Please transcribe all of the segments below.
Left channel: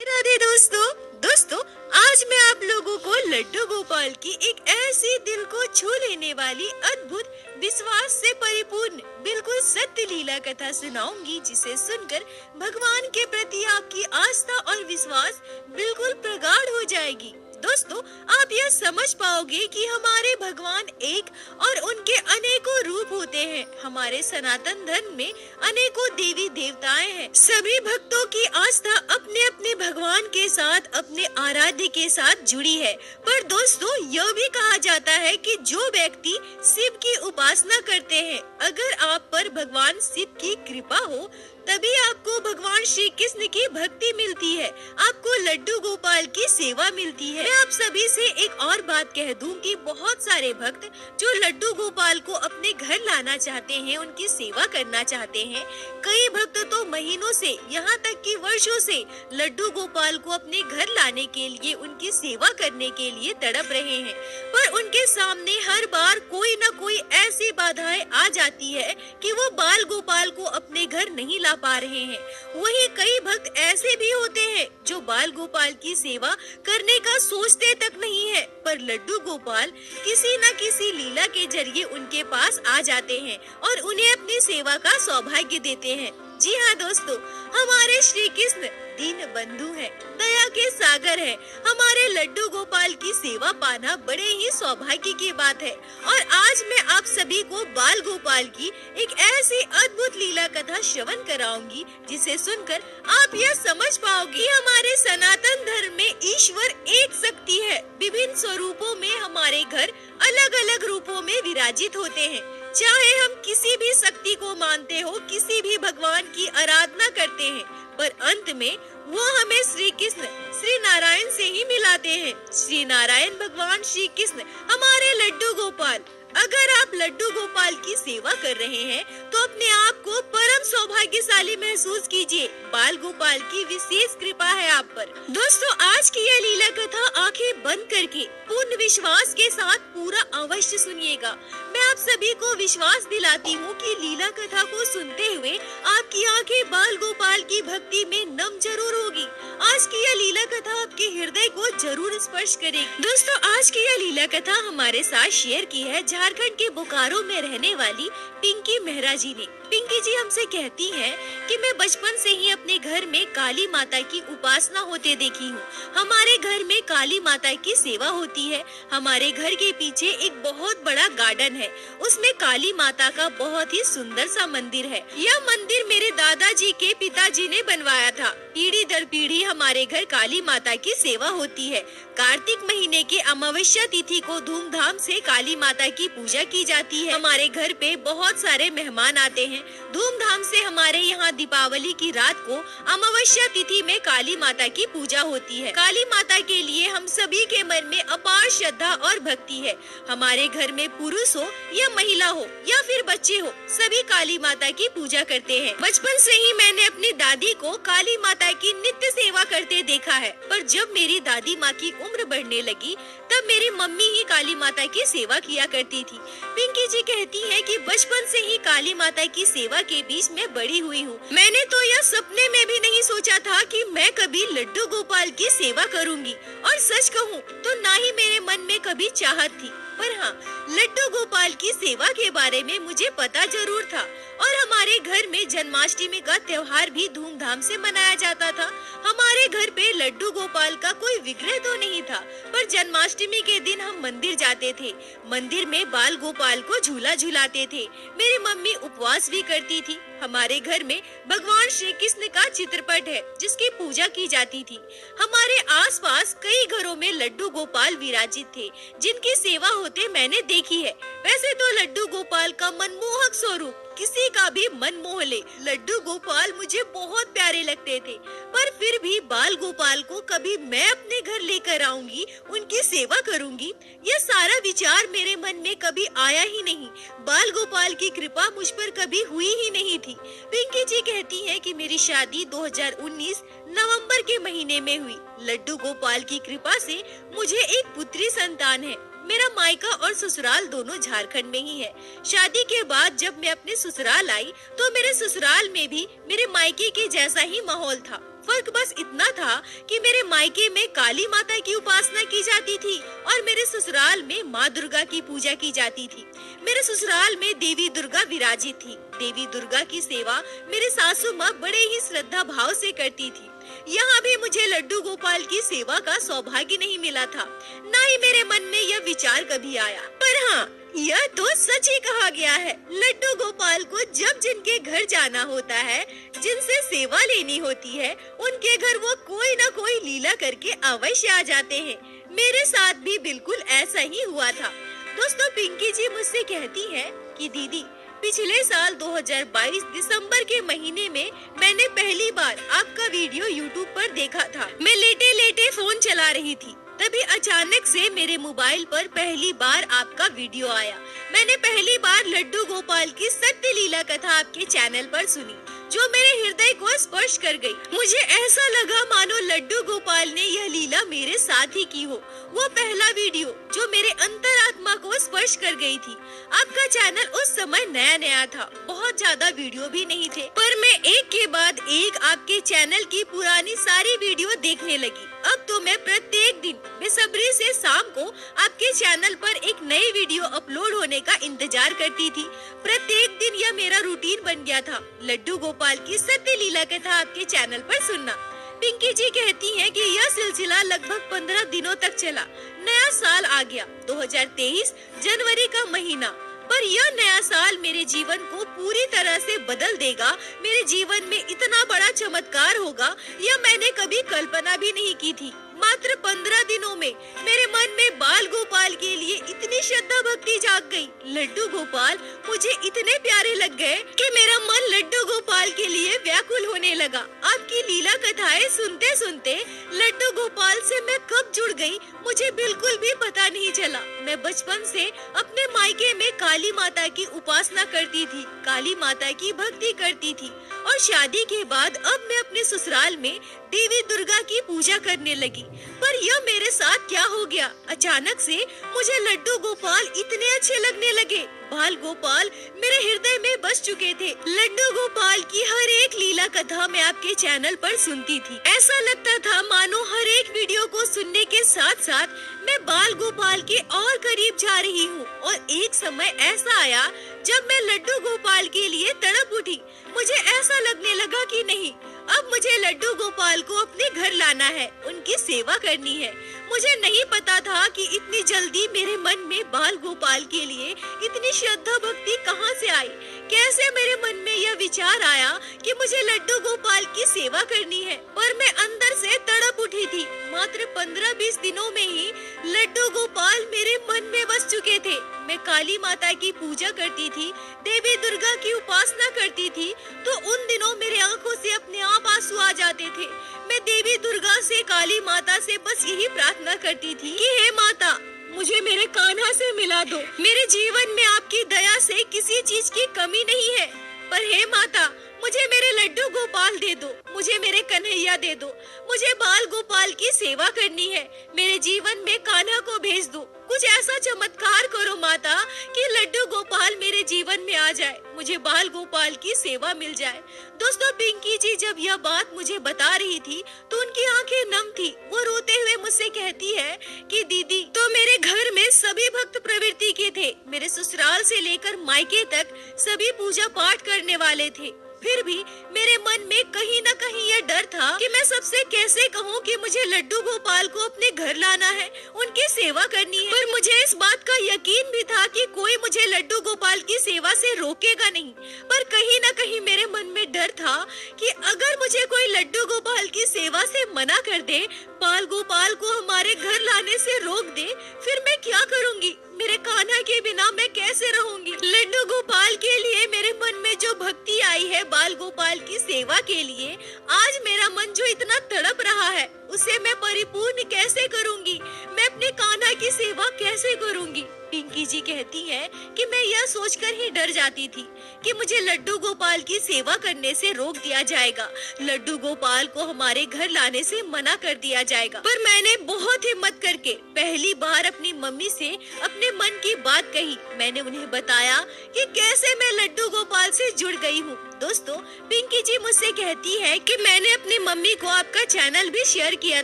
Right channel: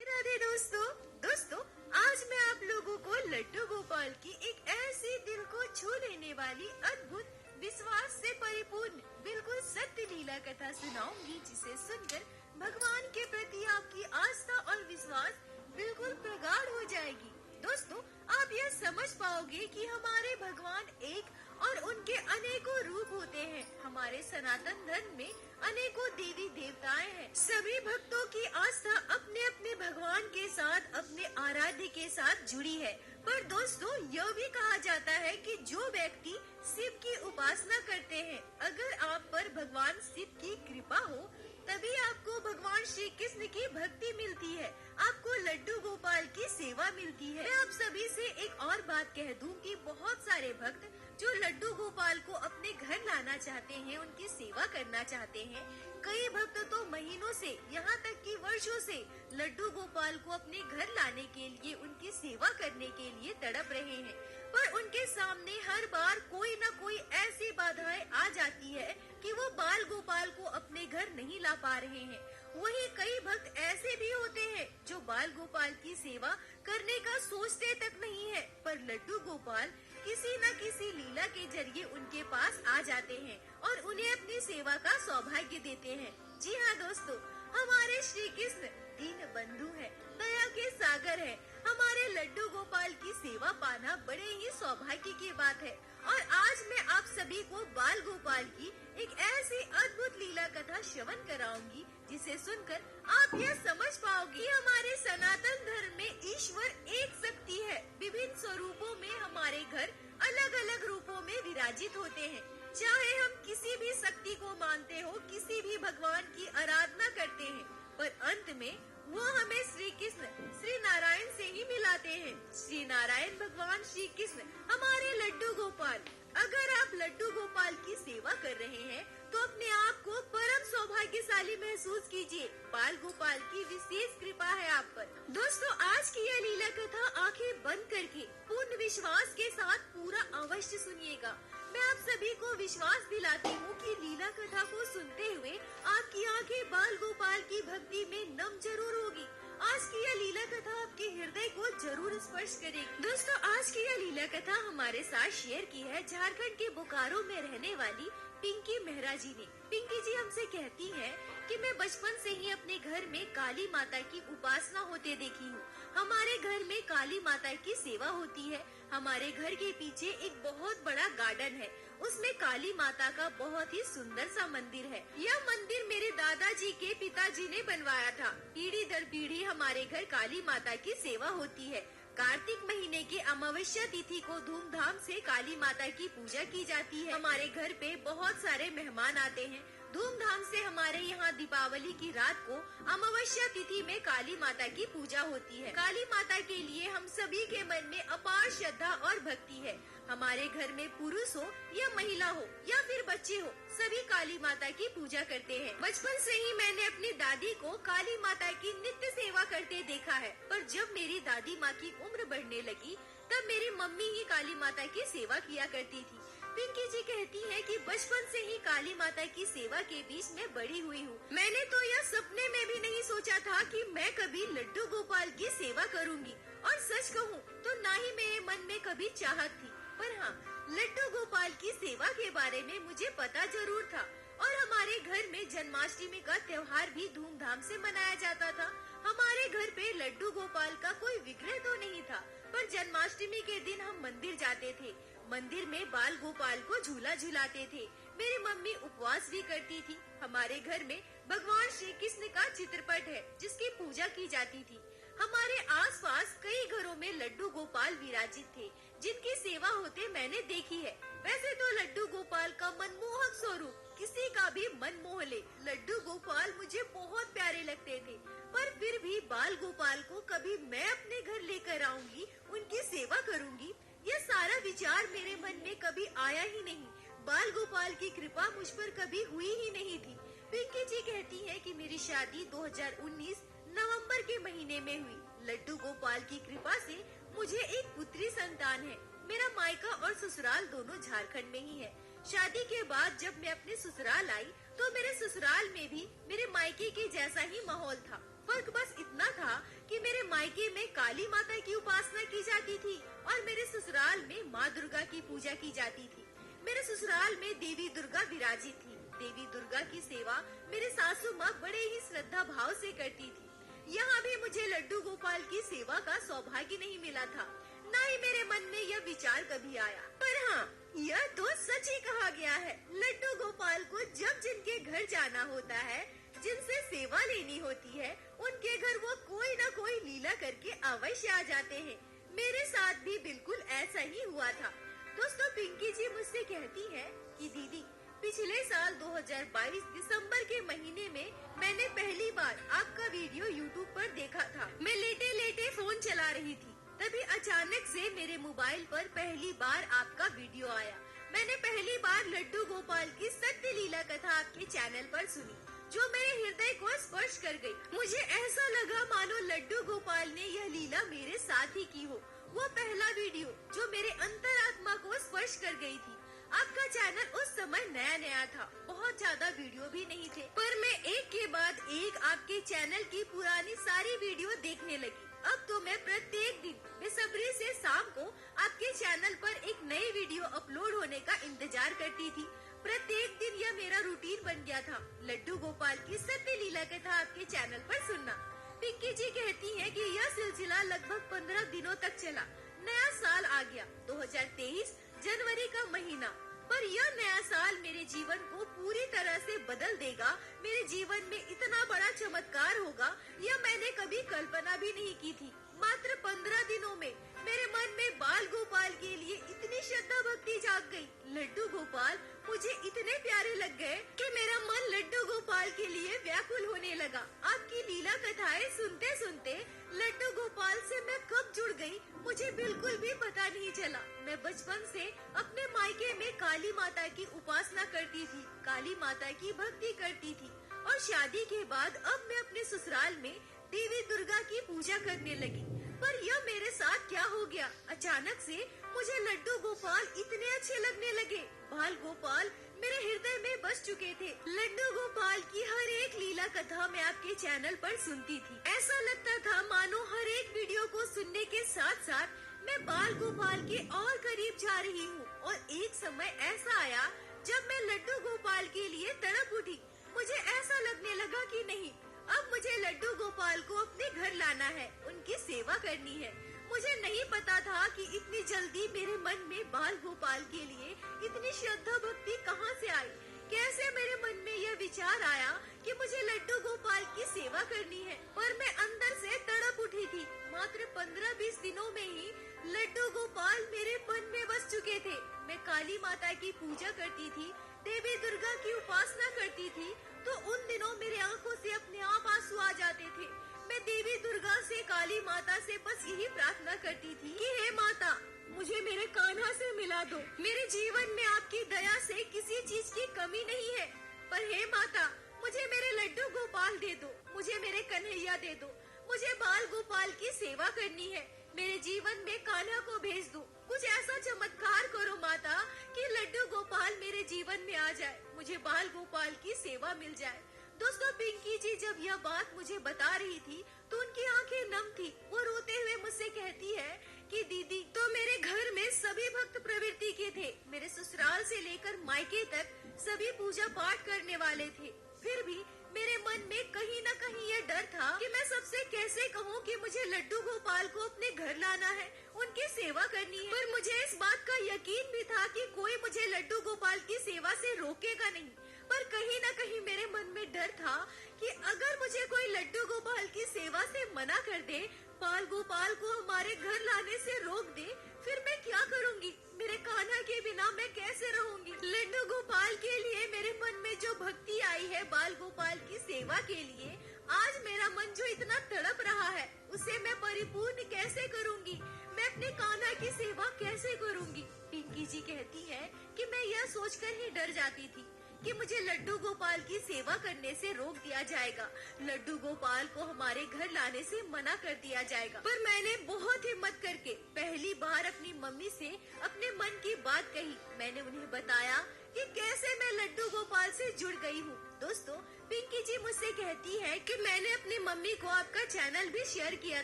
राधे दोस्तों। दोस्तों, आज मैं आप लोगों को लड्डू गोपाल की एक ऐसी दिल को छू लेने वाली अद्भुत विश्वास से परिपूर्ण बिल्कुल सत्य लीला कथा सुनाऊंगी, जिसे सुनकर भगवान के प्रति आपकी आस्था और विश्वास बिल्कुल प्रगाढ़ हो जाएगी। दोस्तों, आप यह समझ पाओगे कि हमारे भगवान एक और उनके अनेकों रूप होते हैं। हमारे सनातन धर्म में अनेकों देवी देवताएं हैं। सभी भक्तों की आस्था अपने अपने भगवान के साथ, अपने आराध्य के साथ जुड़ी है। पर दोस्तों, यह भी कहा जाता है कि जो व्यक्ति शिव की उपासना करते हैं, अगर आप पर भगवान शिव की कृपा हो, तभी आपको भगवान श्री कृष्ण की भक्ति मिलती है, आपको लड्डू गोपाल की सेवा मिलती है। मैं आप सभी से एक और बात कह दूं कि बहुत सारे भक्त जो लड्डू गोपाल को अपने घर लाना चाहते हैं, उनकी सेवा करना चाहते हैं, कई भक्त तो महीनों से, यहाँ तक कि वर्षों से लड्डू गोपाल को अपने घर लाने के लिए, उनकी सेवा करने के लिए तड़प रहे हैं। पर उनके सामने हर बार कोई न कोई ऐसी बाधाएं आ जाती है कि वो बाल गोपाल को अपने घर नहीं ला पा रहे हैं। वहीं कई भक्त ऐसे भी होते हैं जो बाल गोपाल की सेवा करने का सोचते तक नहीं है, पर लड्डू गोपाल किसी न किसी लीला के जरिए उनके पास आ जाते हैं और उन्हें अपनी सेवा का सौभाग्य देते हैं। जी हाँ दोस्तों, हमारे श्री कृष्ण दीन बंधु है, दया के सागर है। हमारे लड्डू गोपाल की सेवा पाना बड़े ही सौभाग्य की बात है। और आज मैं आप सभी को बाल गोपाल की एक ऐसी अद्भुत लीला कथा श्रवण कराऊंगी, जिसे सुनकर आप यह समझ पाओगे हमारे सनातन धर्म में ईश्वर एक शक्ति है। विभिन्न स्वरूपों में हमारे घर अलग अलग रूपों में विराजित होते हैं। चाहे हम किसी भी शक्ति को मानते हो, किसी भी भगवान की आराधना करते हैं, पर अंत में वो हमें श्री कृष्ण, श्री नारायण से ही मिलाते हैं। श्री नारायण भगवान श्री कृष्ण, हमारे लड्डू गोपाल। अगर आप लड्डू गोपाल की सेवा कर रहे हैं, तो अपने आप को परम सौभाग्यशाली महसूस कीजिए। बाल गोपाल की विशेष कृपा है आप पर। दोस्तों, आज की यह लीला कथा आंखें बंद करके पूर्ण विश्वास के साथ पूरा अवश्य सुनिएगा। मैं आप सभी को विश्वास दिलाती हूँ कि लीला कथा को सुनते हुए आपकी आंखें बाल गोपाल की भक्ति में नम जरूर होगी। आज की यह लीला कथा आपके हृदय को जरूर स्पर्श करेगी। दोस्तों, आज की यह लीला कथा हमारे साथ शेयर की है झारखंड के बोकारो में रहने वाली पिंकी मेहरा जी ने। पिंकी जी हमसे कहती हैं कि मैं बचपन से ही अपने घर में काली माता की उपासना होते देखी हूँ। हमारे घर में काली माता की सेवा होती है। हमारे घर के पीछे एक बहुत बड़ा गार्डन है, उसमें काली माता का बहुत ही सुंदर सा मंदिर है। यह मंदिर मेरे दादाजी के पिताजी ने बनवाया था। पीढ़ी दर पीढ़ी हमारे घर काली माता की सेवा होती है। कार्तिक महीने के अमावस्या तिथि को धूमधाम से काली माता की पूजा की जाती है। हमारे घर पे बहुत सारे मेहमान आते हैं। धूमधाम से हमारे यहाँ दीपावली की रात को अमावस्या तिथि में काली माता की पूजा होती है। काली माता के लिए हम सभी के मन में अपार श्रद्धा और भक्ति है। हमारे घर में पुरुष हो या महिला हो या फिर बच्चे हो, सभी काली माता की पूजा करते हैं। बचपन से ही मैंने अपनी दादी को काली माता की नित्य सेवा करते देखा है। पर जब मेरी दादी माँ की उम्र बढ़ने लगी, तब मेरी मम्मी ही काली माता की सेवा किया करती थी। पिंकी जी कहती है कि बचपन से ही काली माता की सेवा के बीच में बड़ी हुई हूँ। मैंने तो यह सपने में भी नहीं सोचा था कि मैं कभी लड्डू गोपाल की सेवा करूँगी। और सच कहूँ तो ना ही मेरे मन में कभी चाहत थी, पर हाँ, लड्डू गोपाल की सेवा के बारे में मुझे पता जरूर था। और हमारे घर में जन्माष्टमी का त्योहार भी धूमधाम से मनाया जाता था। हमारे घर पे लड्डू गोपाल का कोई विग्रह तो नहीं था, पर जन्माष्टमी के दिन हम मंदिर जाते थे। मंदिर में बाल गोपाल को झूला झुलाते थे। मेरी मम्मी उपवास भी करती थी। हमारे घर में भगवान श्री कृष्ण का चित्रपट है, जिसकी पूजा की जाती थी। हमारे आसपास कई घरों में लड्डू गोपाल विराजित थे, जिनकी सेवा होते मैंने देखी है। वैसे तो लड्डू गोपाल का मनमोहक स्वरूप किसी का भी मन मोह ले। लड्डू गोपाल मुझे बहुत प्यारे लगते थे, पर फिर भी बाल गोपाल को कभी मैं अपने घर लेकर आऊंगी, उनकी सेवा करूंगी, यह सारा विचार मेरे मन में कभी आया ही नहीं। बाल गोपाल की कृपा मुझ पर कभी हुई ही नहीं थी। पिंकी जी कहती हैं कि मेरी शादी 2019 नवंबर के महीने में हुई। लड्डू गोपाल की कृपा से मुझे एक पुत्री संतान है। मेरा मायका और ससुराल दोनों झारखंड में ही है। शादी के बाद जब मैं अपने ससुराल आई, तो मेरे ससुराल में भी मेरे मायके के जैसा ही माहौल था। फर्क बस इतना था कि मेरे मायके में काली माता की उपासना की जाती थी और मेरे ससुराल में माँ दुर्गा की पूजा की जाती थी। मेरे ससुराल में देवी दुर्गा विराजित थी। देवी दुर्गा की सेवा मेरे सासू माँ बड़े ही श्रद्धा भाव से करती थी। यहाँ भी मुझे लड्डू गोपाल की सेवा का सौभाग्य नहीं मिला था, न ही मेरे मन में यह विचार कभी आया। पर हाँ, यह तो सच ही कहा गया है, लड्डू गोपाल को जब जिनके घर जाना होता है, जिनसे सेवा लेनी होती है, उनके घर वो कोई न कोई लीला करके अवश्य आ जाते हैं। मेरे साथ भी बिल्कुल ऐसा ही हुआ था। दोस्तों, पिंकी जी मुझसे कहती है कि दीदी, पिछले साल 2022 दिसंबर के महीने में मैंने पहली बार आपका वीडियो YouTube पर देखा था। मैं लेटे लेटे फोन चला रही थी, तभी अचानक से मेरे मोबाइल पर पहली बार आपका वीडियो आया। मैंने पहली बार लड्डू गोपाल की सत्य लीला कथा आपके चैनल पर सुनी, जो मेरे हृदय को स्पर्श कर गई। मुझे ऐसा लगा मानो लड्डू गोपाल ने यह लीला मेरे साथ ही की हो। वो पहला वीडियो जो मेरे अंतरात्मा को स्पर्श कर गई थी। आपका चैनल उस समय नया नया था, बहुत ज्यादा वीडियो भी नहीं थे, पर मैं एक के बाद एक आपके चैनल की पुरानी सारी वीडियो देखने लगी। अब तो मैं प्रत्येक दिन बेसब्री से शाम को आपके चैनल पर एक नई वीडियो अपलोड होने का इंतजार करती थी। प्रत्येक दिन यह मेरा रूटीन बन गया था, लड्डू गोपाल की सत्य लीला कथा आपके चैनल पर सुनना। पिंकी जी कहती हैं कि यह सिलसिला लगभग 15 दिनों तक चला। नया साल आ गया, 2023 जनवरी का महीना, पर यह नया साल मेरे जीवन को पूरी तरह से बदल देगा। मेरे जीवन में इतना बड़ा चमत्कार होगा, यह मैंने कभी कल्पना भी नहीं की थी। मात्र 15 दिनों में मेरे मन में बाल गोपाल के लिए इतनी श्रद्धा भक्ति जाग गई। लड्डू गोपाल मुझे इतने प्यारे लग गए कि मेरा मन लड्डू गोपाल के लिए व्याकुल होने लगा। आपकी लीला कथाएं सुनते सुनते लड्डू गोपाल से मैं कब जुड़ गई, मुझे बिल्कुल भी पता नहीं चला। मैं बचपन से अपने मायके में काली माता की उपासना करती थी, काली माता की भक्ति करती थी, और शादी के बाद अब मैं अपने ससुराल में देवी दुर्गा की पूजा करने लगी। पर यह मेरे साथ क्या हो गया, अचानक से मुझे लड्डू गोपाल इतने अच्छे लगने लगे। बाल गोपाल मेरे हृदय में बस चुके थे। लड्डू गोपाल की हर एक लीला कथा मैं आपके चैनल पर सुनती थी। ऐसा लगता था मानो हर एक वीडियो को सुनने के साथ साथ मैं बाल गोपाल के और करीब जा रही हूँ। और एक समय ऐसा आया जब मैं लड्डू गोपाल के लिए तड़प उठी। मुझे ऐसा लगने लगा कि नहीं, अब मुझे लड्डू गोपाल को अपने घर लाना है, उनकी सेवा करनी है। मुझे नहीं पता था कि इतनी जल्दी मेरे मन में बाल गोपाल के लिए इतनी श्रद्धा भक्ति कहाँ से आई। कैसे मेरे मन में यह विचार आया कि मुझे लड्डू गोपाल की सेवा करनी है, पर मैं अंदर से तड़प उठी थी। मात्र 15-20 दिनों में ही लड्डू गोपाल मेरे मन में बस चुके थे। मैं काली माता की पूजा करती थी, देवी दुर्गा की उपासना करती थी, तो उन दिनों मेरे आंखों से अपने आप आंसू आ जाते थे। मैं देवी दुर्गा से, काली माता से बस यही प्रार्थना करती थी कि हे माता, मुझे मेरे कान्हा से मिला दो। मेरे जीवन में आपकी दया से किसी चीज की कमी नहीं है, पर हे माता, मुझे मेरे लड्डू गोपाल दे दो, मुझे मेरे कन्हैया दे दो। मुझे बाल गोपाल की सेवा करनी है, मेरे जीवन में कान्हा को भेज दो। कुछ ऐसा चमत्कार करो माता कि लड्डू गोपाल मेरे जीवन में आ जाए, मुझे बाल गोपाल की सेवा मिल जाए। दोस्तों, पिंकी जी जब यह बात मुझे बता रही थी तो उनकी आंखें नम थी। वो रोते हुए मुझसे कहती है कि दीदी, तो मेरे घर में सभी भक्त प्रवृत्ति के थे, मेरे ससुराल से लेकर मायके तक सभी पूजा पाठ करने वाले थे। फिर भी मेरे मन में कहीं न कहीं यह डर था कि मैं सबसे कैसे कहूँ कि मुझे लड्डू गोपाल को अपने घर लाना है, उनकी सेवा करनी है। पर मुझे इस बात का यकीन भी था कि कोई मुझे लड्डू गोपाल की सेवा से रोकेगा नहीं। पर कहीं न कहीं मेरे मन में डर था कि अगर मुझे कोई लड्डू गोपाल की सेवा से मना कर दे, बाल गोपाल को हमारे घर लाने से रोक दे, फिर मैं क्या करूँगी? मेरे कान्हा के बिना मैं कैसे रहूंगी? लड्डू गोपाल के लिए मेरे मन में जो भक्ति आई है बाल गोपाल की सेवा के लिए, आज मेरा मन जो इतना तड़प रहा है, उसे मैं परिपूर्ण कैसे करूंगी? मैं अपने कान्हा की सेवा कैसे करूंगी? पिंकी जी कहती है कि मैं यह सोचकर ही डर जाती थी कि मुझे लड्डू गोपाल की सेवा करने से रोक दिया जाएगा, लड्डू गोपाल को हमारे घर लाने से मना कर दिया जाएगा। पर मैंने बहुत हिम्मत करके पहली बार अपनी मम्मी से अपने मन की बात कही। मैंने उन्हें बताया कि कैसे मैं लड्डू गोपाल से जुड़ गई हूँ। दोस्तों, पिंकी जी मुझसे कहती है कि मैंने अपनी मम्मी को आपका चैनल भी शेयर किया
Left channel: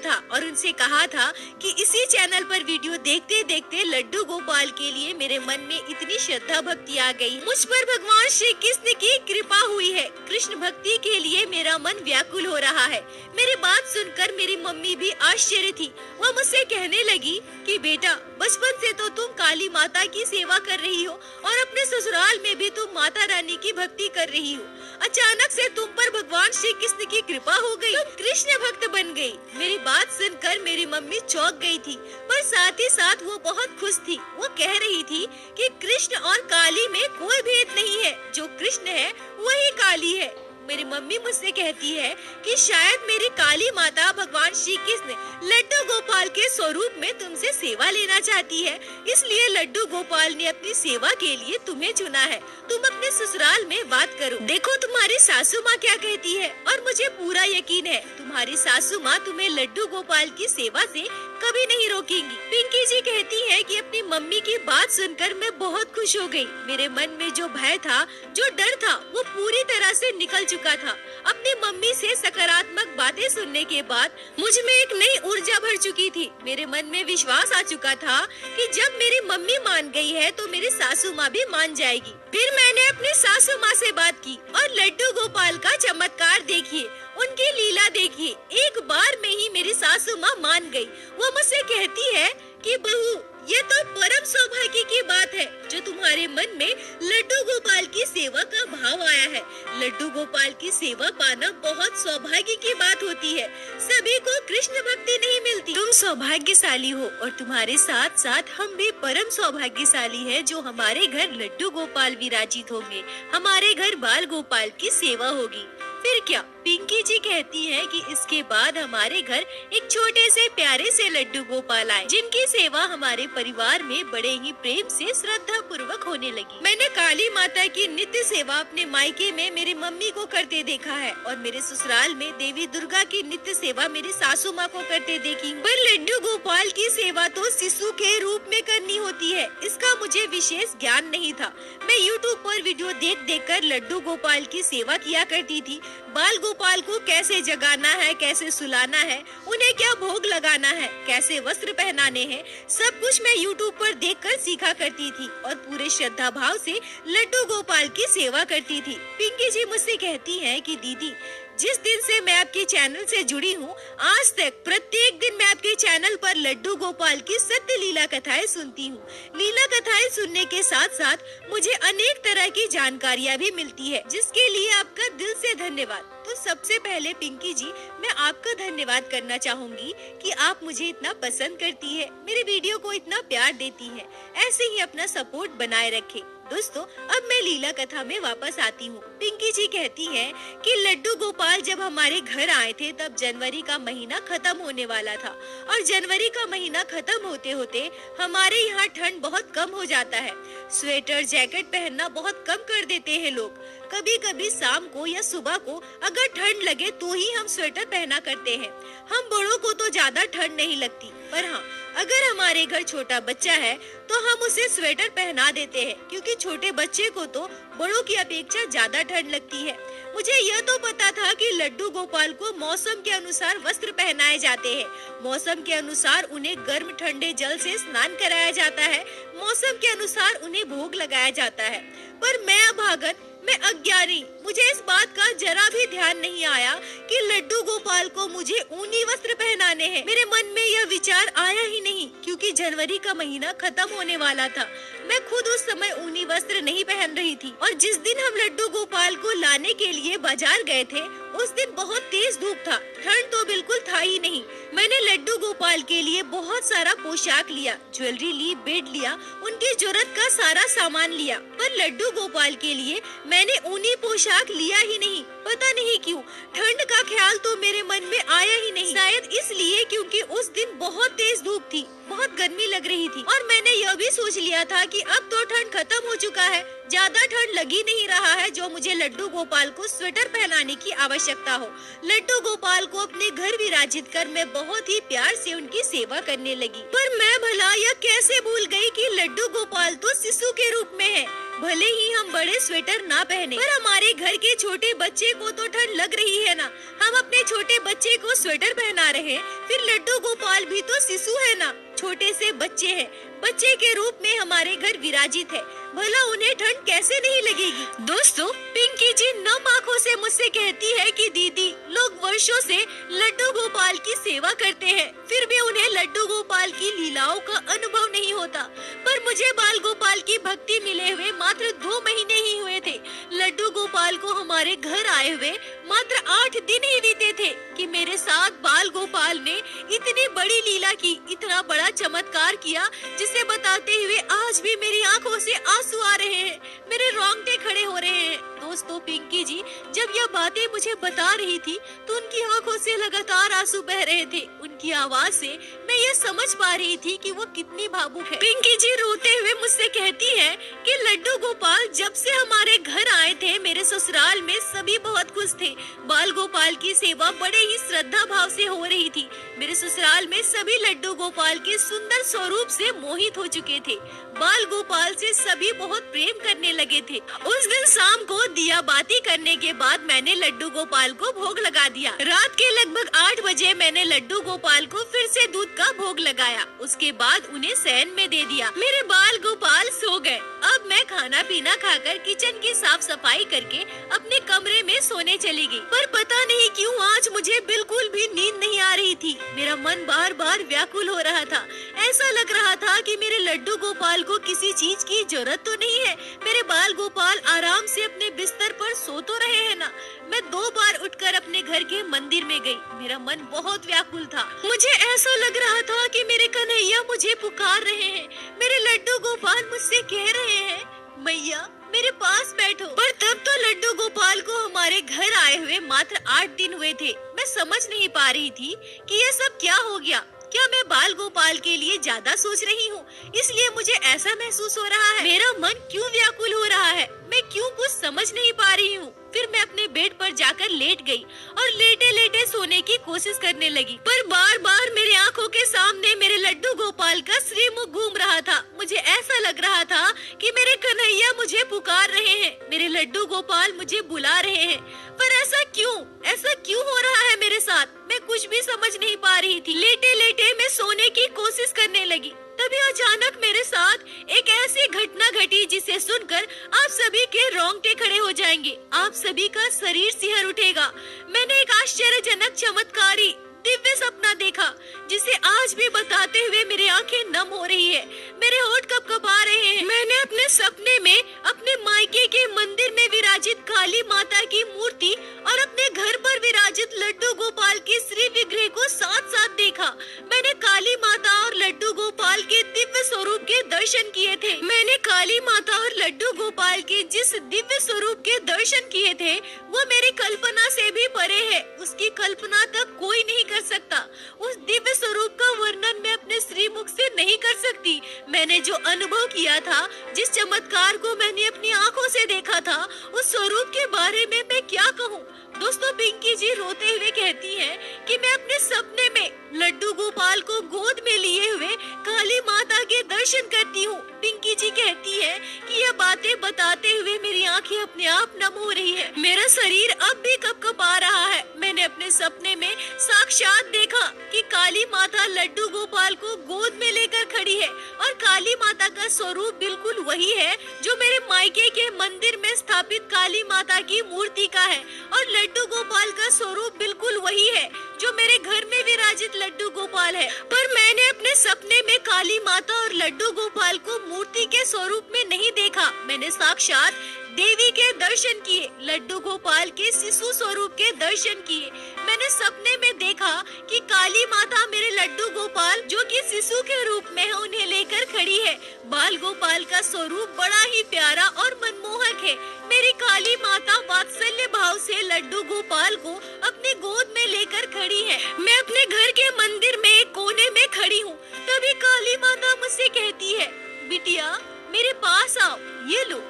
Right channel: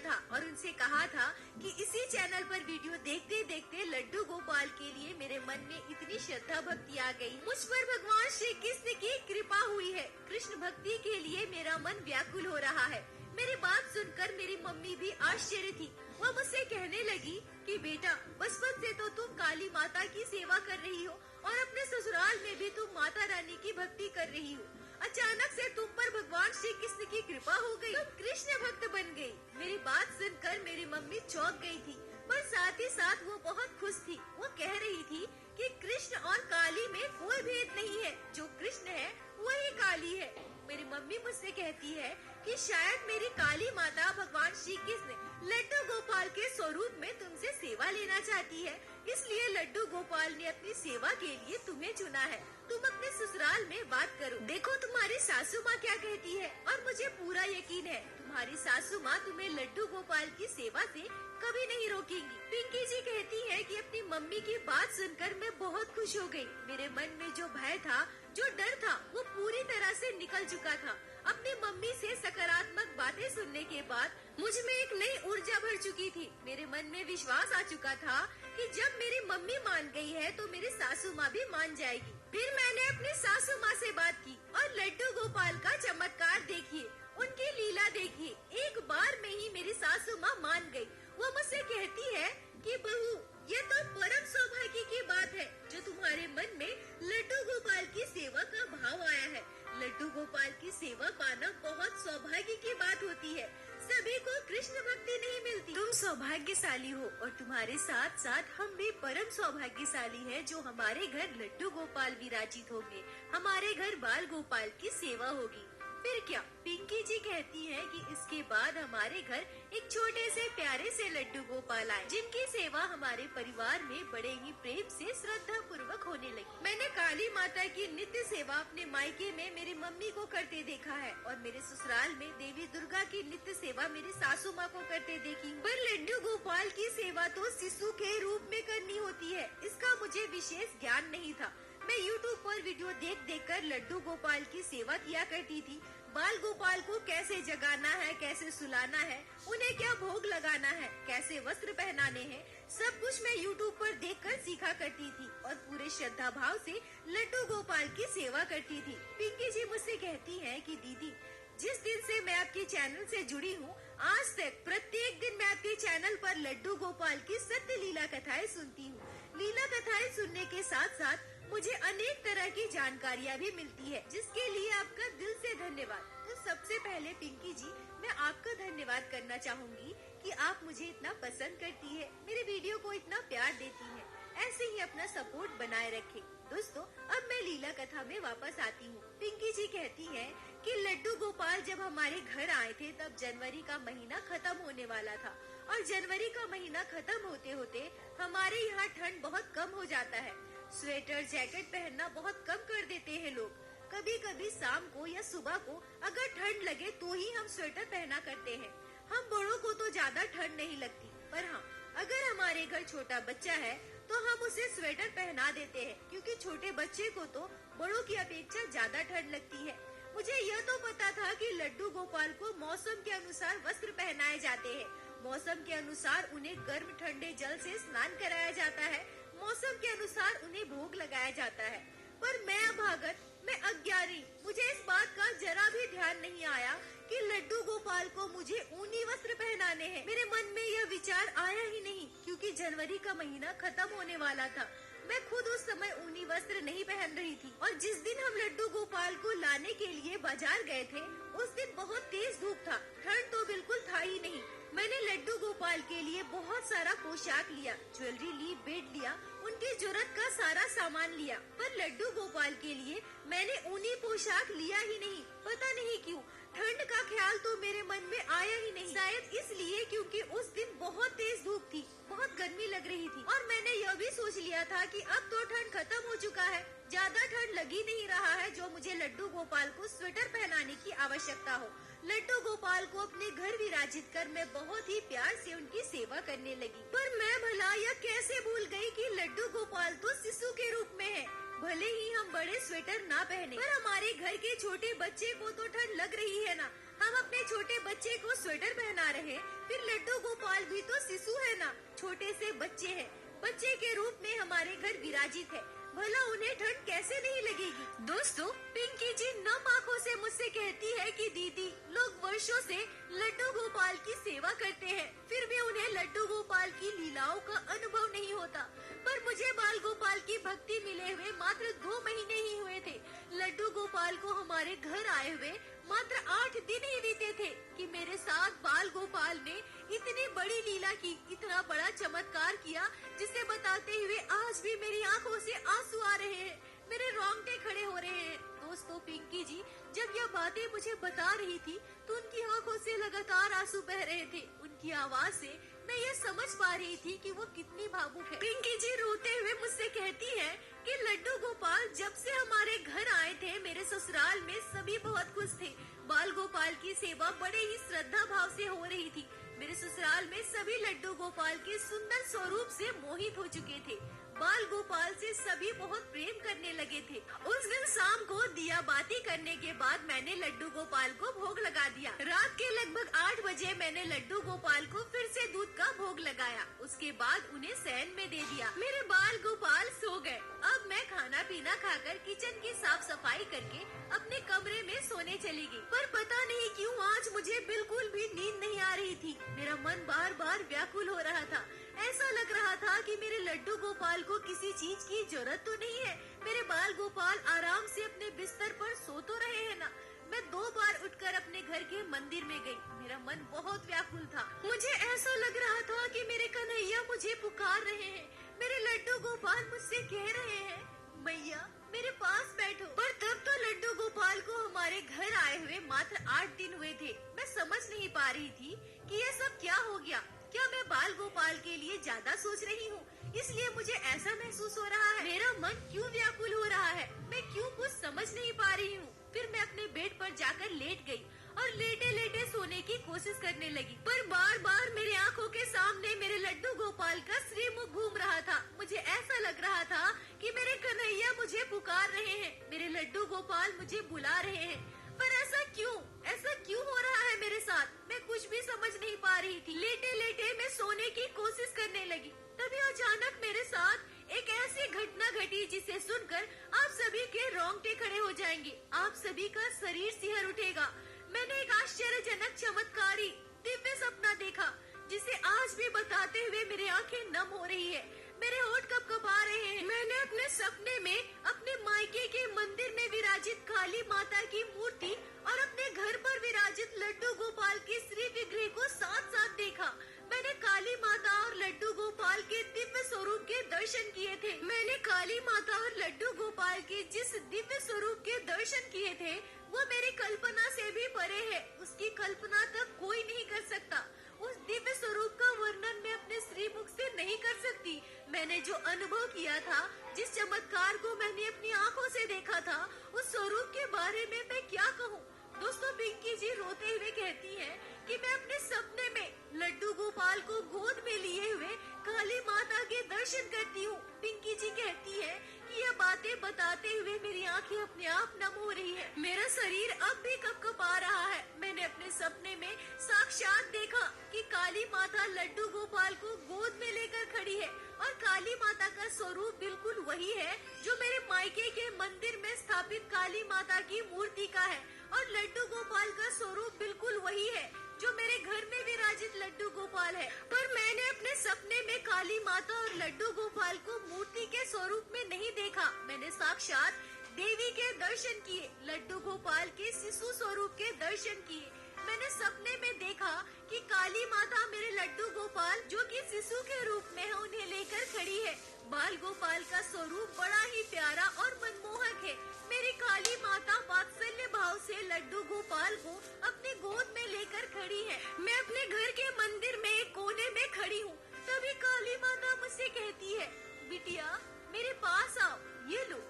था और उनसे कहा था कि इसी चैनल पर वीडियो देखते देखते लड्डू गोपाल के लिए मेरे मन में इतनी श्रद्धा भक्ति आ गई। मुझ पर भगवान श्री कृष्ण की कृपा हुई है। कृष्ण भक्ति के लिए मेरा मन व्याकुल हो रहा है। मेरी बात सुनकर मेरी मम्मी भी आश्चर्य थी। वह मुझसे कहने लगी कि बेटा, बचपन से तो तुम काली माता की सेवा कर रही हो और अपने ससुराल में भी तुम माता रानी की भक्ति कर रही हो। अचानक से तुम पर भगवान श्री कृष्ण की कृपा हो गई, तुम कृष्ण भक्त बन गई। मेरी बात सुनकर मेरी मम्मी चौंक गई थी, पर साथ ही साथ वो बहुत खुश थी। वो कह रही थी कि कृष्ण और काली में कोई भेद नहीं है, जो कृष्ण है वही काली है। मेरी मम्मी मुझसे कहती है कि शायद मेरी काली माता भगवान श्री कृष्ण लड्डू गोपाल के स्वरूप में तुमसे सेवा लेना चाहती है, इसलिए लड्डू गोपाल ने अपनी सेवा के लिए तुम्हें चुना है। तुम अपने ससुराल में बात करो, देखो तुम्हारी सासू माँ क्या कहती है। और मुझे पूरा यकीन है तुम्हारी सासू माँ तुम्हें लड्डू गोपाल की सेवा से कभी नहीं रोकेंगी। पिंकी जी कहती है कि अपनी मम्मी की बात सुनकर मैं बहुत खुश हो गई। मेरे मन में जो भय था, जो डर था, वो पूरी तरह से निकल चुका था। अपनी मम्मी से सकारात्मक बातें सुनने के बाद मुझ में एक नई ऊर्जा भर चुकी थी। मेरे मन में विश्वास आ चुका था कि जब मेरी मम्मी मान गई है तो मेरी सासू माँ भी मान जाएगी। फिर मैंने अपनी सासू माँ से बात की और लड्डू गोपाल का चमत्कार देखिए, उनकी लीला देखिए। एक बार में ही मेरी सासू माँ मान गई। वो मुझसे कहती है कि बहू, ये तो परम सौभाग्य की बात है जो तुम्हारे मन में लड्डू गोपाल की सेवा का भाव आया है। लड्डू गोपाल की सेवा पाना बहुत सौभाग्य की बात होती है। सभी को कृष्ण भक्ति नहीं मिलती। तुम सौभाग्यशाली हो और तुम्हारे साथ साथ हम भी परम सौभाग्यशाली है जो हमारे घर लड्डू गोपाल विराजित होंगे, हमारे घर बाल गोपाल की सेवा होगी। फिर क्या, पिंकी जी कहती है कि इसके बाद हमारे घर एक छोटे से प्यारे से लड्डू गोपाल आए, जिनकी सेवा हमारे परिवार में बड़े ही प्रेम से श्रद्धा पूर्वक होने लगी। मैंने काली माता की नित्य सेवा अपने मायके में मेरी मम्मी को करते देखा है और मेरे ससुराल में देवी दुर्गा की नित्य सेवा मेरी सासू माँ को करते देखी। पर लड्डू गोपाल की सेवा तो शिशु के रूप में करनी होती है, इसका मुझे विशेष ज्ञान नहीं था। मैं यूट्यूब पर वीडियो देख देख कर लड्डू गोपाल की सेवा किया करती थी। बाल गोपाल को कैसे जगाना है, कैसे सुलाना है, उन्हें क्या भोग लगाना है, कैसे वस्त्र पहनाने हैं, सब कुछ मैं यूट्यूब पर देखकर सीखा करती थी और पूरे श्रद्धा भाव से लड्डू गोपाल की सेवा करती थी। पिंकी जी मुझसे कहती हैं कि दीदी, जिस दिन से मैं आपके चैनल से जुड़ी हूँ, आज तक प्रत्येक दिन मैं आपके चैनल पर लड्डू गोपाल की सत्य लीला कथाएं सुनती हूँ। लीला कथाएं सुनने के साथ साथ मुझे अनेक तरह की जानकारियाँ भी मिलती है, जिसके लिए आपका दिल से धन्यवाद। तो सबसे पहले पिंकी जी, मैं आपका धन्यवाद करना चाहूँगी कि आप मुझे इतना पसंद करती है, मेरे वीडियो को इतना प्यार देती है। ऐसे ही अपना सपोर्ट बनाए रखें। दोस्तों, अब मैं लीला कथा में वापस आती हूँ। पिंकी जी कहती हैं कि लड्डू गोपाल जब हमारे घर आए थे तब जनवरी का महीना खत्म होने वाला था और जनवरी का महीना खत्म होते होते हमारे यहाँ ठंड बहुत कम हो जाता है। स्वेटर जैकेट पहनना बहुत कम कर देते हैं लोग। कभी कभी शाम को या सुबह को अगर ठंड लगे तो ही हम स्वेटर पहना करते हैं। हम बड़ों को तो ज्यादा ठंड नहीं लगती, पर हाँ, अगर हमारे घर छोटा बच्चा है तो हम उसे स्वेटर पहना देते हैं, क्योंकि छोटे बच्चे को तो बड़ों की अपेक्षा ज्यादा ठंड लगती है। मुझे यह तो पता था कि लड्डू गोपाल को मौसम के अनुसार वस्त्र पहनाए जाते हैं। मौसम के अनुसार उन्हें गर्म ठंडे जल से स्नान कराया जाता है। मौसम के अनुसार उन्हें भोग लगाया जाता है। पर मैं अभागन, मैं अज्ञानी, मुझे इस बात का जरा भी ध्यान नहीं आया कि लड्डू गोपाल को मुझे ऊनी वस्त्र पहनाने हैं। मेरे मन में यह विचार आया ही नहीं, क्योंकि जनवरी का महीना खत्म होने वाला था। मैं खुद उस समय ऊनी वस्त्र नहीं पहन रही थी और जिस दिन हम लड्डू गोपाल को लाने के लिए बाजार गए थे उस दिन बहुत तेज धूप था, ठंड तो बिल्कुल था ही नहीं। मैंने लड्डू गोपाल के लिए बहुत सारा पोशाक लिया, ज्वेलरी ली, बेड लिया, उनकी जरूरत का सारा सामान लिया। पर लड्डू गोपाल के लिए मैंने ऊनी पोशाक लिया ही नहीं। पता नहीं क्यों, ठंड का ख्याल तो मेरे मन में आया ही नहीं। शायद इसलिए क्योंकि उस दिन बहुत तेज धूप थी, बहुत गर्मी लग रही थी और मैंने यह भी सोच लिया था कि अब तो ठंड खत्म हो चुका है, ज्यादा ठंड लगी नहीं रहा है जो मुझे लड्डू गोपाल को स्वेटर पहनाने की आवश्यकता हो। लड्डू गोपाल को अपने घर विराजित कर मैं बहुत ही प्यार से उनकी सेवा करने लगी। पर मैं भला यह कैसे भूल गई कि लड्डू गोपाल तो शिशु के रूप में है। भले ही हम बड़े स्वेटर ना पहने, पर हमारे घर के छोटे बच्चे को तो ठंड लग रही है ना। हम अपने छोटे बच्चे को स्वेटर पहना रहे हैं, फिर लड्डू गोपाल भी तो शिशु है ना, छोटे से बच्चे हैं, बच्चे के रूप में हमारे घर विराजित है। भला उन्हें ठंड कैसे नहीं लगेगी। दोस्तों, पिंकी जी नम आँखों से मुझसे कहती है कि दीदी, लोग वर्षों से लड्डू गोपाल की सेवा करते हैं, फिर भी उन्हें लड्डू गोपाल की लीलाओं का अनुभव नहीं होता। पर मुझे बाल गोपाल की भक्ति मिले हुए मात्र 2 महीने ही हुए थे। लड्डू गोपाल को हमारे घर आए हुए मात्र 8 दिन ही बीते थे कि मेरे साथ बाल गोपाल ने इतनी बड़ी लीला की, इतना बड़ा चमत्कार किया, जिसे बताते हुए आज भी मेरी आंखों से आंसू आ रहे हैं, मेरे रोंगटे खड़े हो रहे हैं। दोस्तों, पिंकी जी जब यह बातें मुझे बता रही थी तो उनकी आंखों से लगातार आंसू बह रहे थे। उनकी आवाज से मैं ये समझ पा रही थी कि वो कितनी भावुक है। पिंकी जी रोते हुए मुझसे कहती है कि लड्डू गोपाल जब से हमारे घर आए थे, मेरे ससुराल में सभी बहुत खुश थे। बाल गोपाल की सेवा बड़े ही श्रद्धा भाव से हो रही थी। मेरे ससुराल में सभी लड्डू गोपाल के सुंदर स्वरूप से मोहित हो चुके थे। बाल गोपाल से सभी बहुत प्रेम करने लगे थे। उस दिन शाम को दिया बाती करने के बाद मैंने लड्डू गोपाल को भोग लगा दिया। रात के लगभग 8 बजे मैंने लड्डू गोपाल को फिर से दूध का भोग लगाया। उसके बाद उन्हें शयन में दे दिया। मेरे बाल गोपाल सो गए। अब मैं खाना पीना खाकर किचन की साफ सफाई करके अपने कमरे में सोने चली गई। पर पता नहीं क्यों आज मुझे बिल्कुल भी नींद नहीं आ रही थी। मेरा मन बार बार व्याकुल हो रहा था। ऐसा लग रहा था कि मेरे लड्डू गोपाल को किसी चीज की जरूरत तो नहीं है। मेरे बाल गोपाल आराम से अपने बिस्तर पर सो तो रहे हैं ना। मैं 2 बार उठकर अपने घर के मंदिर में गई। मेरा मन बहुत व्याकुल था। मुझे ऐसा लग रहा था कि मेरे कन्हैया मुझे पुकार रहे हैं। मेरे लड्डू गोपाल मुझसे कह रहे हैं, मैया मेरे पास बैठो। पर तब तो लड्डू गोपाल को हमारे घर आए हुए मात्र 8 दिन हुए थे। मैं समझ नहीं पा रही थी कि ये सब क्या हो गया। क्या मैं बाल गोपाल के लिए ज्यादा सोच रही हूँ, इसलिए मुझे ऐसा महसूस हो रहा है। मेरा मन क्यों व्याकुल हो रहा है, मैं क्यों कुछ समझ नहीं पा रही हूँ। फिर मैं अपने बेड पर जाकर लेट गई और लेटे लेटे सोने की कोशिश करने लगी। पर बार बार मेरी आंखों के सामने मेरे लड्डू गोपाल का श्रीमुख घूम रहा था। मुझे ऐसा लग रहा था कि मेरे कन्हैया मुझे पुकार रहे हैं, मेरे लड्डू गोपाल मुझे बुला रहे हैं। पर ऐसा क्यों हो रहा है मेरे साथ, मैं कुछ भी समझ नहीं पा रही थी। लेटे लेटे मैं सोने की कोशिश करने लगी। तभी अचानक मेरे साथ एक ऐसी घटना घटी जिसे सुनकर आप सभी के रोंगटे खड़े हो जाएंगे, आप सभी का शरीर सिहर उठेगा। मैंने एक आश्चर्यजनक चमत्कारी दिव्य सपना देखा, जिसे आज भी बताते हुए मेरी आंखें नम हो रही है, मेरे होंठ कपकपा रहे हैं। मैंने अपने सपने में अपने मायके के मंदिर में विराजित काली माता की मूर्ति और अपने घर पर विराजित लड्डू गोपाल के श्री विग्रह को साथ साथ देखा। मैंने काली माता और लड्डू गोपाल के दिव्य स्वरूप के दर्शन किए थे। मैंने काली माता और लड्डू गोपाल के जिस दिव्य स्वरूप के दर्शन किए थे वो मेरी कल्पना से भी परे है। उसकी कल्पना तक कोई नहीं कर सकता। उस दिव्य स्वरूप का वर्णन मैं अपने श्रीमुख से नहीं कर सकती। मैंने जो अनुभव किया था, जिस चमत्कार को मैंने अपनी आंखों से देखा था, उस स्वरूप के बारे में मैं क्या कहूँ। दोस्तों, पिंकी जी रोते हुए कहती हैं कि मैं अपने सपने में लड्डू गोपाल को गोद में लिए हुए काली माता के दर्शन करती हूँ। पिंकी जी कहती है कि यह बातें बताते हुए मेरी आंखें अपने आप नम हो रही है। मेरा शरीर अब भी कपकपा रहा है। मैंने अपने सपने में साक्षात देखा कि काली माता माता लड्डू गोपाल को गोद में लेकर खड़ी है और काली माता का स्वरूप बिल्कुल वही है जो मेरे मायके के मंदिर में स्थापित काली माता की मूर्ति का है और लड्डू गोपाल का स्वरूप बिल्कुल वही है जो मेरे घर में विराजित लड्डू गोपाल है। पर मैंने अपने सपने में काली माता और लड्डू गोपाल को मूर्ति के स्वरूप में नहीं देखा। मैंने साक्षात देवी के दर्शन किए, लड्डू गोपाल के शिशु स्वरूप के दर्शन किए। मैंने सपने में देखा कि काली माता मेरे लड्डू गोपाल जो कि शिशु के रूप में है उन्हें लेकर खड़ी है। बाल गोपाल का स्वरूप बड़ा ही प्यारा और मनमोहक है। मेरी काली माता वात्सल्य भाव से लड्डू गोपाल को अपने गोद में लेकर खड़ी है। मैं अपने घर के मंदिर में एक कोने में खड़ी हूँ। तभी काली माता मुझसे कहती है, बिटिया मेरे पास आओ, ये लो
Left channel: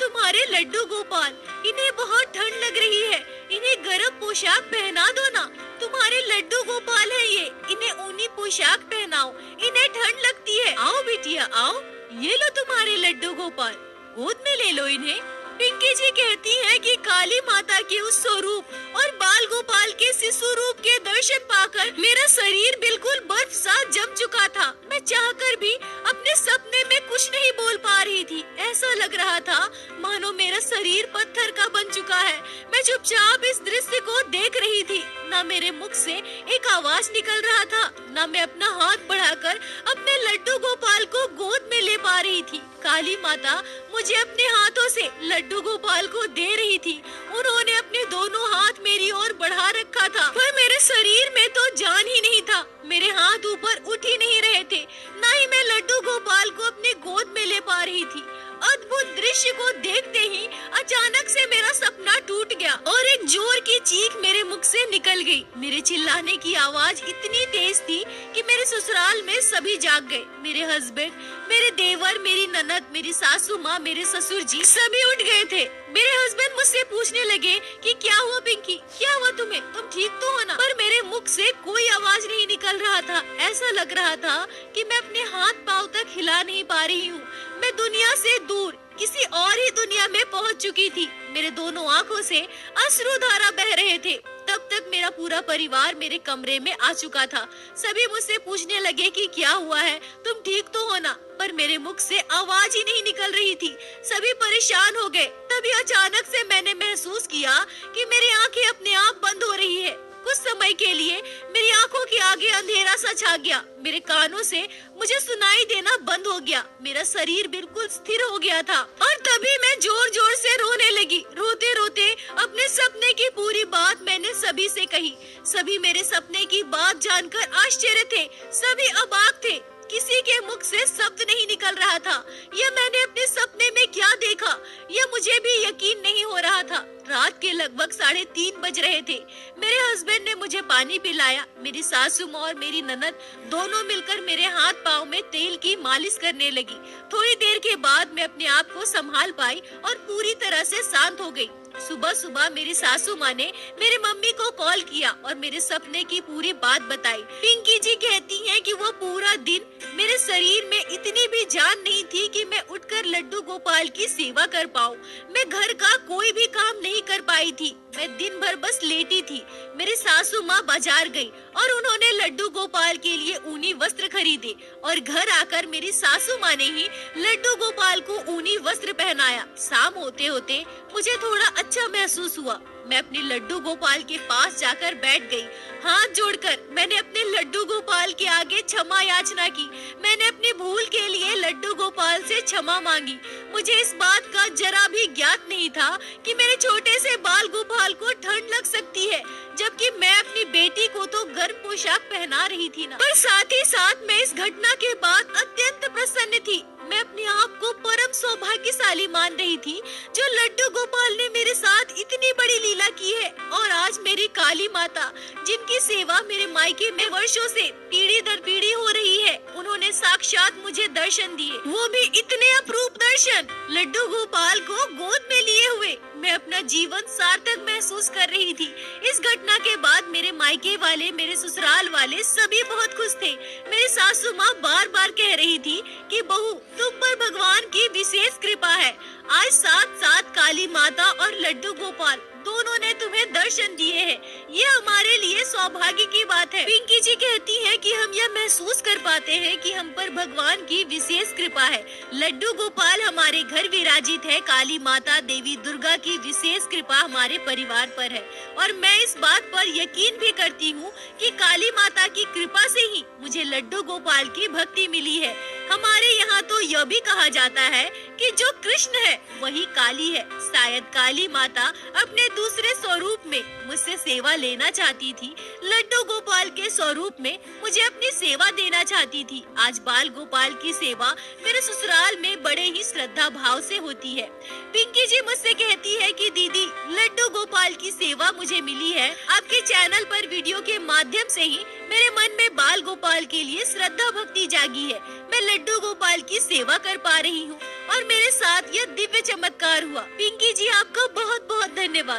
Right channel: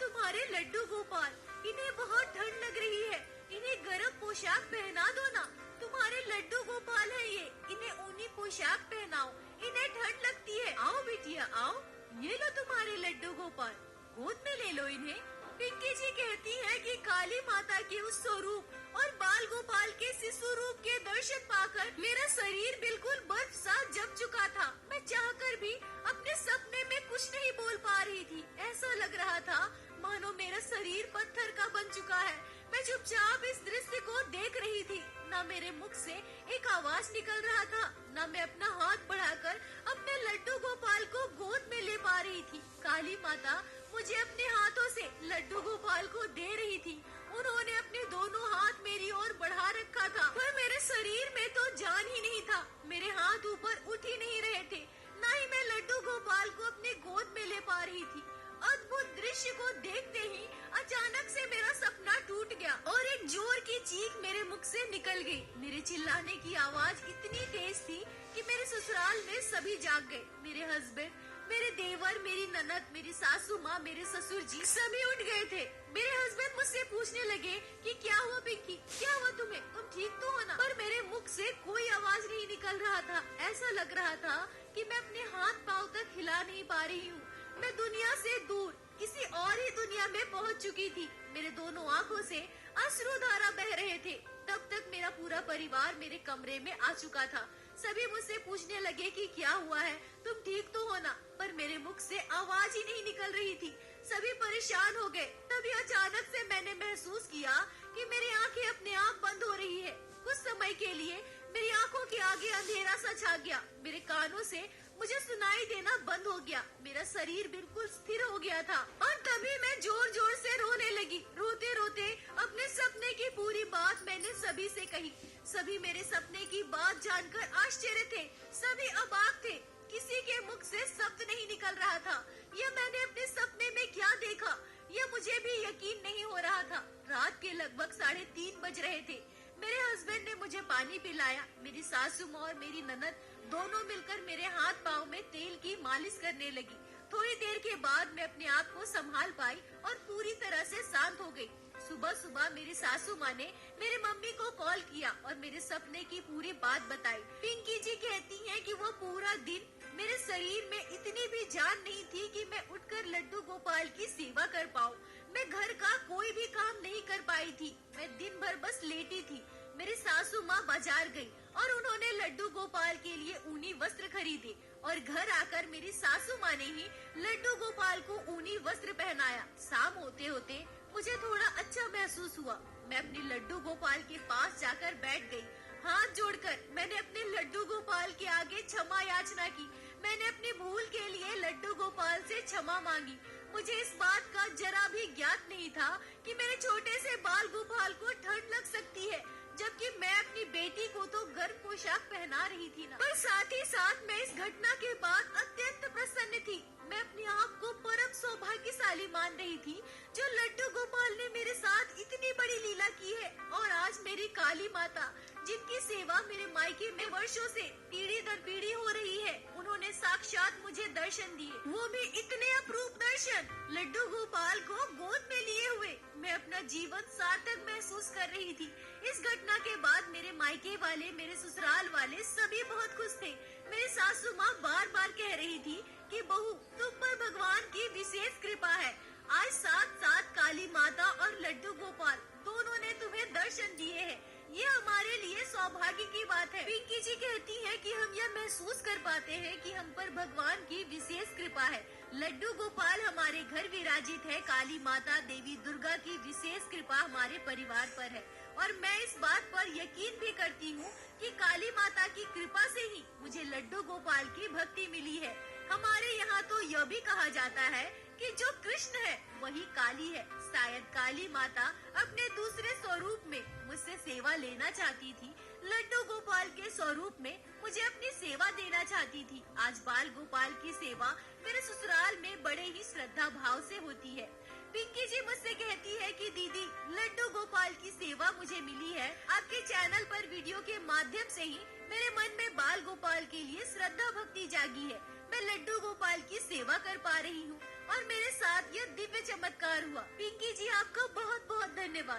तुम्हारे लड्डू गोपाल। इन्हें बहुत ठंड लग रही है, इन्हें गर्म पोशाक पहना दो ना। तुम्हारे लड्डू गोपाल है ये, इन्हें ऊनी पोशाक पहनाओ, इन्हें ठंड लगती है। आओ बिटिया आओ, ये लो तुम्हारे लड्डू गोपाल, गोद में ले लो इन्हें। पिंकी जी कहती हैं कि काली माता के उस स्वरूप और बाल गोपाल के शिशु रूप के दर्शन पाकर मेरा शरीर बिल्कुल बर्फ सा जम चुका था। मैं चाहकर भी अपने सपने में कुछ नहीं बोल पा रही थी। ऐसा लग रहा था मानो मेरा शरीर पत्थर का बन चुका है। मैं चुपचाप इस दृश्य को देख रही थी। ना मेरे मुख से एक आवाज निकल रहा था, ना मैं अपना हाथ बढ़ाकर अपने लड्डू गोपाल को गोद में ले पा रही थी। काली माता मुझे अपने हाथों से लड्डू गोपाल को दे रही थी। उन्होंने अपने दोनों हाथ मेरी ओर बढ़ा रखा था, पर मेरे शरीर में तो जान ही नहीं था। मेरे हाथ ऊपर उठ ही नहीं रहे थे, ना ही मैं लड्डू गोपाल को अपने गोद में ले पा रही थी। अद्भुत दृश्य को देखते ही अचानक से मेरा सपना टूट गया और एक जोर की चीख मेरे मुख से निकल गई। मेरे चिल्लाने की आवाज इतनी तेज थी कि मेरे ससुराल में सभी जाग गए। मेरे हस्बैंड, मेरे देवर, मेरी ननद, मेरी सासू माँ, मेरे ससुर जी सभी उठ गए थे। मेरे हस्बैंड मुझसे पूछने लगे कि क्या हुआ पिंकी, क्या हुआ तुम्हें, तुम ठीक तो हो ना? पर मेरे मुख से कोई आवाज नहीं निकल रहा था। ऐसा लग रहा था कि मैं अपने हाथ पांव तक हिला नहीं पा रही हूँ। मैं दुनिया से दूर किसी और ही दुनिया में पहुँच चुकी थी। मेरे दोनों आँखों से अश्रुधारा बह रहे थे। तब तक मेरा पूरा परिवार मेरे कमरे में आ चुका था। सभी मुझसे पूछने लगे कि क्या हुआ है, तुम ठीक तो हो ना? पर मेरे मुख से आवाज ही नहीं निकल रही थी। सभी परेशान हो गए। तभी अचानक से मैंने महसूस किया कि मेरी आंखें अपने आप बंद हो रही है। कुछ समय के लिए मेरी आंखों के आगे अंधेरा सा छा गया। मेरे कानों से मुझे सुनाई देना बंद हो गया। मेरा शरीर बिल्कुल स्थिर हो गया था और तभी मैं जोर जोर से रोने लगी। रोते रोते अपने सपने की पूरी बात मैंने सभी से कही। सभी मेरे सपने की बात जानकर आश्चर्य थे, सभी अबाक थे। किसी के मुख से शब्द नहीं निकल रहा था। यह मैंने अपने सपने में क्या देखा, यह मुझे भी यकीन नहीं हो रहा था। रात के लगभग 3:30 बज रहे थे। मेरे हस्बैंड ने मुझे पानी पिलाया। मेरी सासू माँ और मेरी ननद दोनों मिलकर मेरे हाथ पाँव में तेल की मालिश करने लगी। थोड़ी देर के बाद मैं अपने आप को संभाल पाई और पूरी तरह से शांत हो गई। सुबह सुबह मेरी सासू माँ ने मेरी मम्मी को कॉल किया और मेरे सपने की पूरी बात बताई। पिंकी जी कहती हैं कि वो पूरा दिन मेरे शरीर में इतनी भी जान नहीं थी कि मैं उठकर लड्डू गोपाल की सेवा कर पाऊँ। मैं घर का कोई भी काम नहीं कर पाई थी। मैं दिन भर बस लेटी थी। मेरी सासू माँ बाजार गई और उन्होंने लड्डू गोपाल के लिए ऊनी वस्त्र खरीदे और घर आकर मेरी सासू माँ ने ही लड्डू गोपाल को ऊनी वस्त्र पहनाया। शाम होते होते मुझे थोड़ा अच्छा महसूस हुआ। मैं अपने लड्डू गोपाल के पास जाकर बैठ गई। हाथ जोड़कर मैंने अपने लड्डू गोपाल के आगे क्षमा याचना की। मैंने अपनी भूल के लिए लड्डू गोपाल से क्षमा मांगी। मुझे इस बात का जरा भी ज्ञात नहीं था कि मेरे छोटे से बाल गोपाल को ठंड लग सकती है, जबकि मैं अपनी बेटी को तो गर्म पोशाक पहना रही थी ना। पर साथ ही साथ मैं इस घटना के बाद अत्यंत प्रसन्न थी। मैं अपने आप को परम सौभाग्यशाली मान रही थी जो लड्डू गोपाल ने मेरे साथ इतनी बड़ी लीला की है। और आज मेरी काली माता, जिनकी सेवा मेरे मायके में वर्षों से पीढ़ी दर पीढ़ी हो रही है, उन्होंने साक्षात मुझे दर्शन दिए, वो भी इतने अपूर्व दर्शन, लड्डू गोपाल को गोद में लिए हुए। मैं अपना जीवन सार्थक महसूस कर रही थी। इस घटना के बाद मेरे मायके वाले, मेरे ससुराल वाले सभी बहुत खुश थे। मेरी सासू माँ बार बार कह रही थी कि बहू, तुम पर भगवान की विशेष कृपा है। आज साथ साथ काली माता और लड्डू गोपाल दोनों ने तुम्हें दर्शन दिए हैं। ये हमारे लिए सौभाग्य की बात है। पिंकी जी कहती हैं कि हम यह महसूस कर पाते हैं कि हम पर भगवान की विशेष कृपा है। लड्डू गोपाल हमारे घर विराजित है। काली माता देवी दुर्गा की विशेष कृपा हमारे परिवार पर है और मैं इस बात पर यकीन भी करती हूँ कि काली माता की कृपा से ही मुझे लड्डू गोपाल की भक्ति मिली है। हमारे यहाँ तो यह भी कहा जाता है कि जो कृष्ण है वही काली है। शायद काली माता अपने दूसरे स्वरूप में मुझसे सेवा लेना चाहती थी। लड्डू गोपाल के स्वरूप में मुझे अपनी सेवा देना चाहती थी। आज बाल गोपाल की सेवा मेरे ससुराल में बड़े ही श्रद्धा भाव से होती है। पिंकी जी मुझसे कहती है कि दीदी लड्डू गोपाल की सेवा मुझे मिली है। आपके चैनल पर वीडियो के माध्यम से ही मेरे मन में बाल गोपाल के लिए श्रद्धा भक्ति जागी है। मैं लड्डू गोपाल की सेवा कर पा रही हूँ और मेरे साथ यह दिव्य चमत्कार हुआ। पिंकी जी आपका बहुत बहुत धन्यवाद।